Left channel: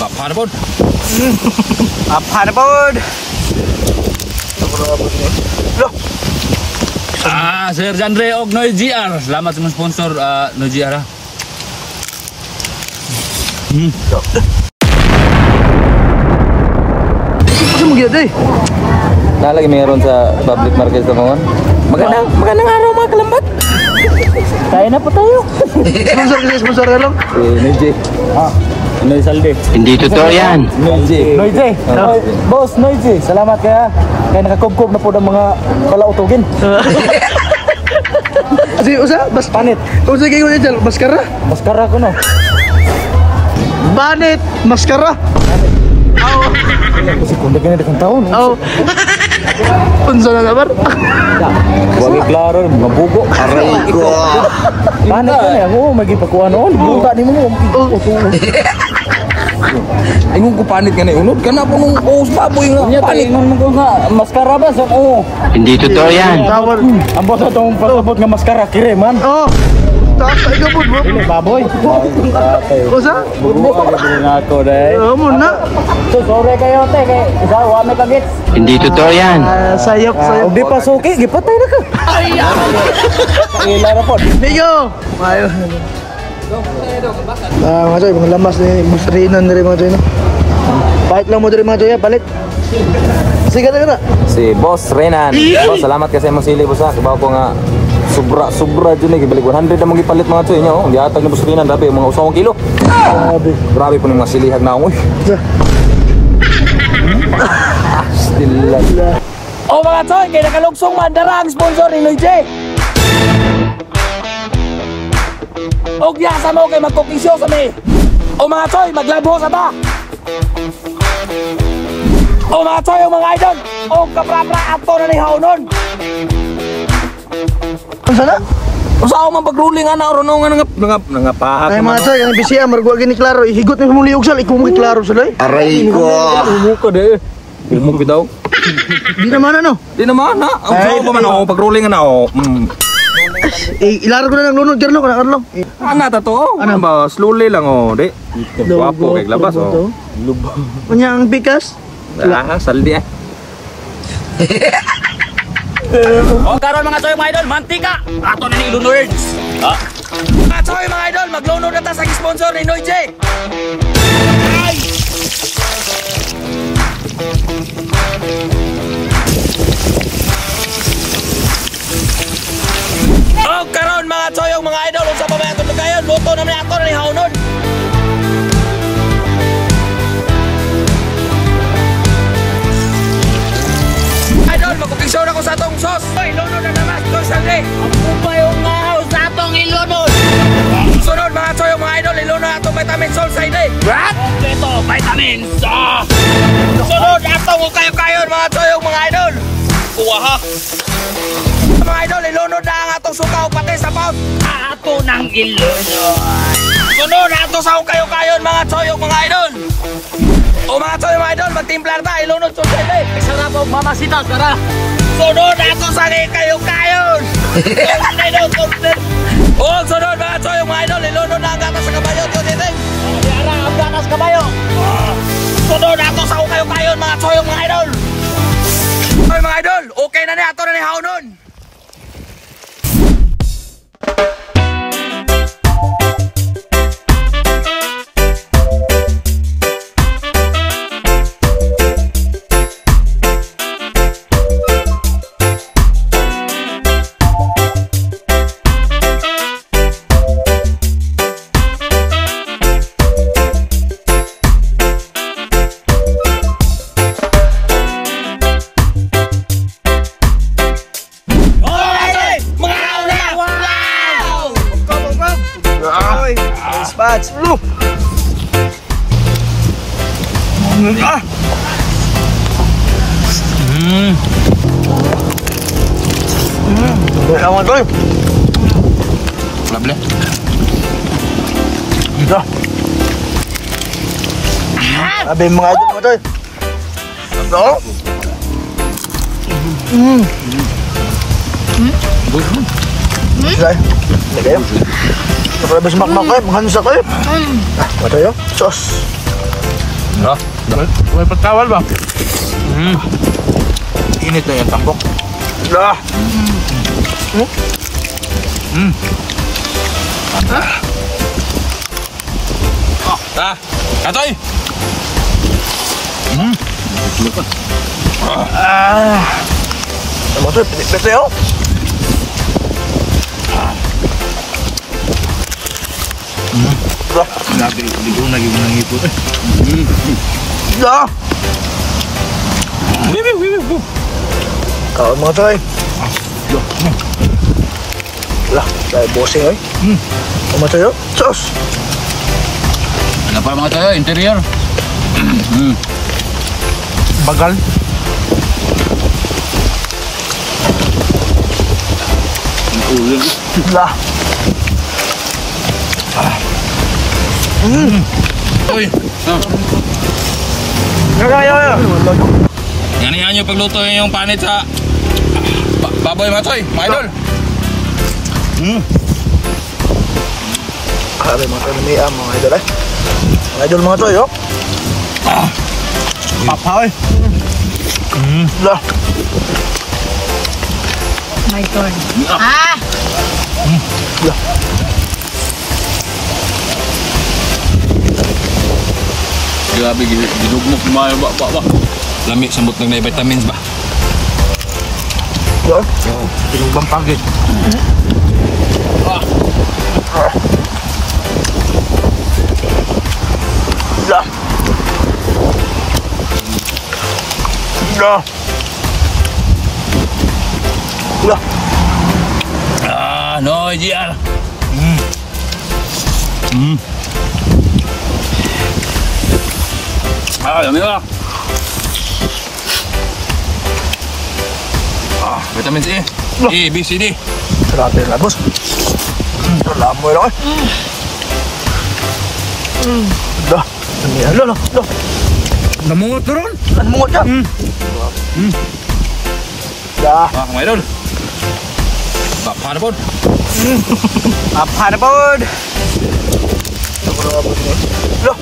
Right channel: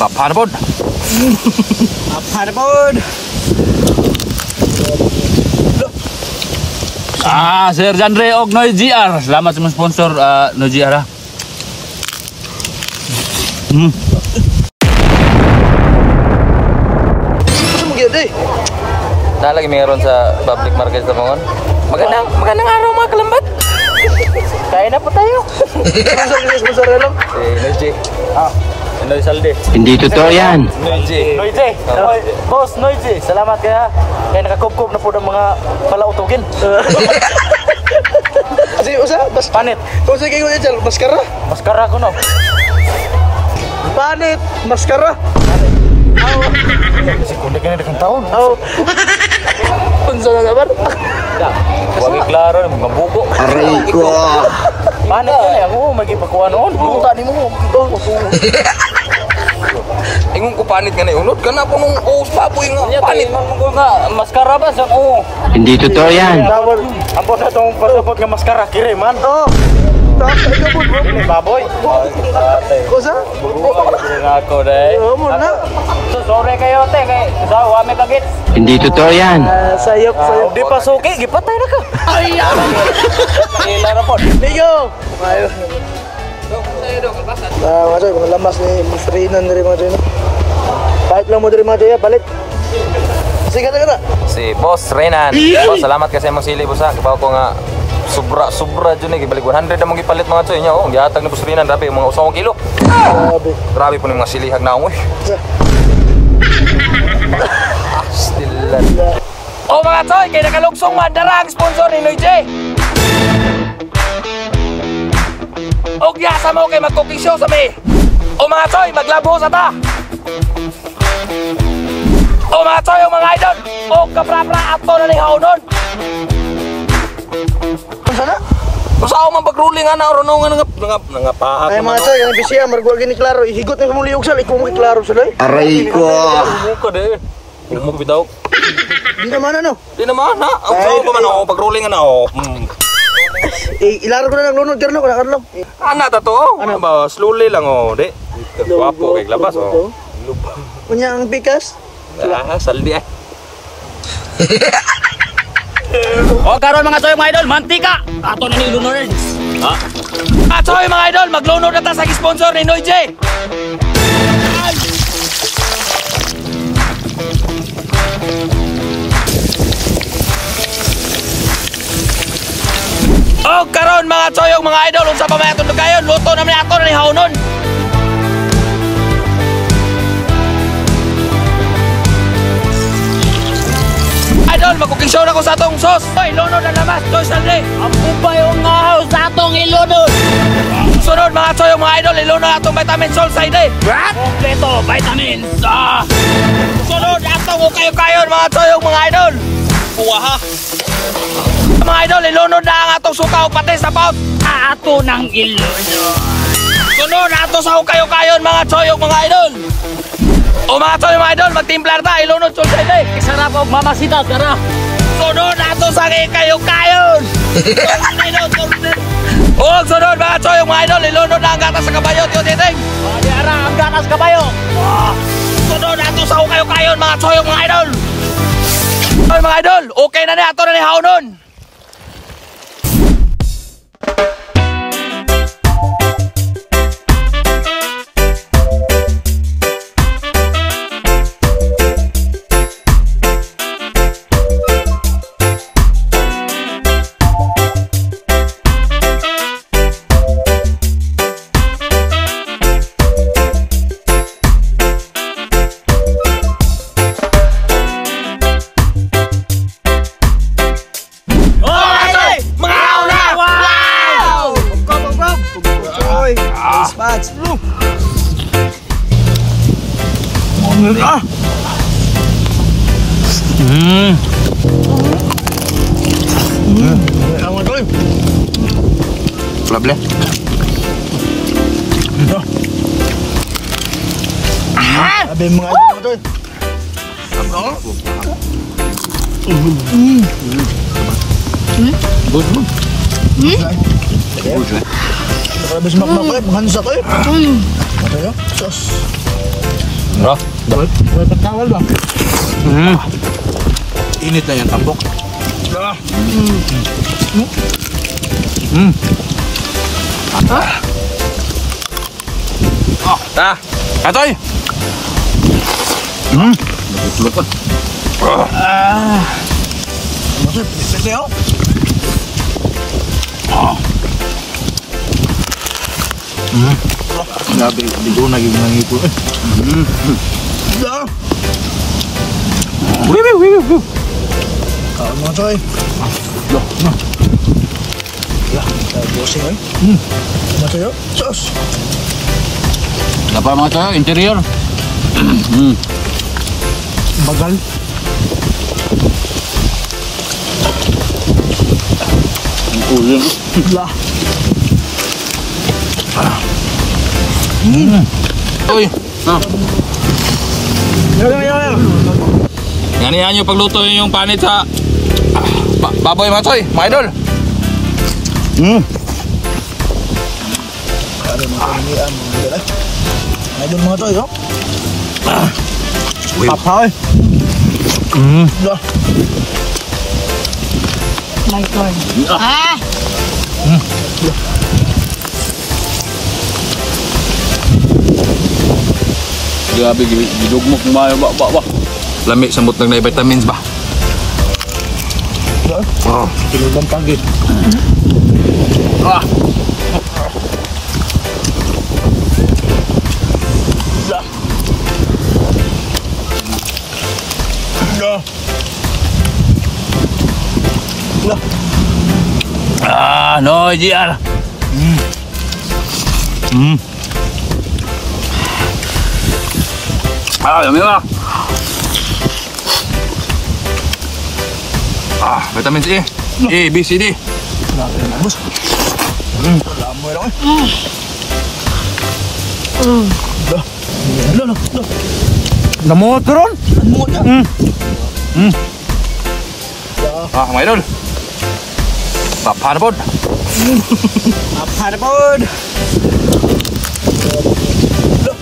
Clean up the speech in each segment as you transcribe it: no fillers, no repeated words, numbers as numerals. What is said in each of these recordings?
Papanapod. Papanapod. Sir Jandre og Noy GR. Salamat sa mga sponsor Noy GR. Nalagi meron sa public market sa mga. Magandang araw mga kalambat. Kaya na po tayo. Noy Noy Salde. Hindi totoo yan. Noy Boss Noy salamat kaya nakakubkob na po ng mga palautugin. Si usa bas Panit. Usa kay mo diyan maskara? Maskara ko no. Banit maskara. Si kunda kini dekang taon. Unsa na nabar? Wagi klaro mga bugo. Aray ko. Panit ka na ako magipakuan noon. Buta ni mo. Ingon ko panit ka na unod ka na po nung baboy nga. Panit mo nga maskara ba sa Hindi totoo yan. Ang boss atong pasabot nga maskara kire man. Baboy. Usa? Na ako dai. Amo na. Sorry kayo te kay daw ame kagit. Hindi totoo yan. Sayop. Og di pasuki gipatay na ka. Ay ya. Ila ra po. Diyo. Majoy, lamas ni musrinan dari Majoy. Palit na mo dari Majoy, palit. Sige na. Si Boss Renan. Salamat kasi mo sili busa. Kabaw ko nga sobra jud ni gibalik 100 na mong gipalit mga tsoy nya oh. Gihatag ni Boss Renan dapi mga 1 kilo. Grabe po ni mga silihag na mo. Still. Oh mga tsoy, kay nakalugsong madara ang sponsor ni Noy J. Og yasa mo kay mag-cooking show sa may. O mga tsoy, maglabo sa ta. O mga tsoy, o mga idol. O kaprapra ato na ni Haunon. Usa ako man pag-ruling ana ron nga paak. Ay Majoy, ang bisiya margo gini klaro, ihigot na mo liog sa ikong klaro sa dai. Aray ko. Ko de. Ilmo bitaw. Di naman ano? Di naman na. Ang sao pa man o pag-ruling ana o. Ilaro ko na lang lunod terno kana arlo. Ana ta to? Ano ba slowly lang o, di. Guwapo kay labas o. Kanya ang bigas? Saldi eh. O karon mga tsoy mga idol, mantika. Ato na ni lunod. Mga tsoy mga idol, maglunod na ta sa sponsor ni Noy J. Ay! O karon mga tsoy mga idol, unsa pa may atong kayon, luto na ato na ni Haunon. Mag-ukisyon ako sa atong sos. Oy, lunod na namas. Noy Salde. Ang kupay yung ngahaw sa atong ilunod. Sunod mga tsoy mga idol, ilunod atong vitamin sol sa ide. What? Ito, vitamins. Sunod atong ukayo-kayon mga tsoy mga idol. Kuha ha. Mga idol, ilunod na ang atong suka o pati sa paut. Ato ng ilunod. Sunod ato sa ukayo-kayon mga tsoy mga idol. O mga tsoy mga idol, magtimplar ta, ilunod sa ide. Isarap o mamasita, tara. Sunod ato sa kayo-kayon. Huwag sunod mga tsoy mga idol, ilunod na ang gatas sa kabayo. Tara, ang gatas kabayo. Sunod ato sa kayo-kayon mga tsoy mga idol. Oy mga idol, okay na ato na ni Haunon. Flable. Ito. Sabi mga idol mo doon. Ano? Good. Kayo? Nakalabas makmak kayo, maghansa kayo. Ito yun, sauce. Bro, may pagkawal ba? Init na yan, tambok. Katoy! Masud, pinikpit na yun. Grabe, hindi ko naging nangipon. Mga tayo. Tayo bossing eh. Mga tayo, sauce. Ano pa mga tayo? Interior. Bagal. Ang ulo. Uy. Yan yung pagluto yung panit sa baboy mga toy, mga idol. Kaya mga tayo ni mga idol eh. Mga idol mga tayo. Papaw eh. My turn. Grabe, gidugmok kumayo ba. Lami, sambot lang na vitamins ba? Oo, tinubang pagit. No, JR. Yummy lah. Vitamin C, A, B, C, D. Grabe nga boss. Wala mo lang eh. Lo. Namuot ko ron. Namuot ka? Mga idol. Papanabod. Papanabod. Lo.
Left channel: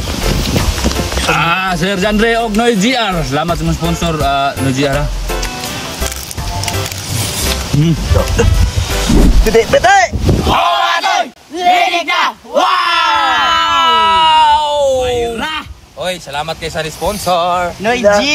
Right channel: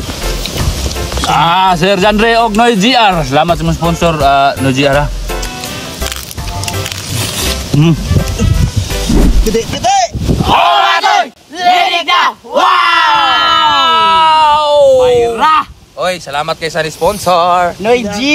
Sir Jandre og Noy GR. Salamat sa sponsor Noy GR. Gede, betay! Linig na! Wow! Mayra! Oy, salamat kay sa sponsor. Noy G!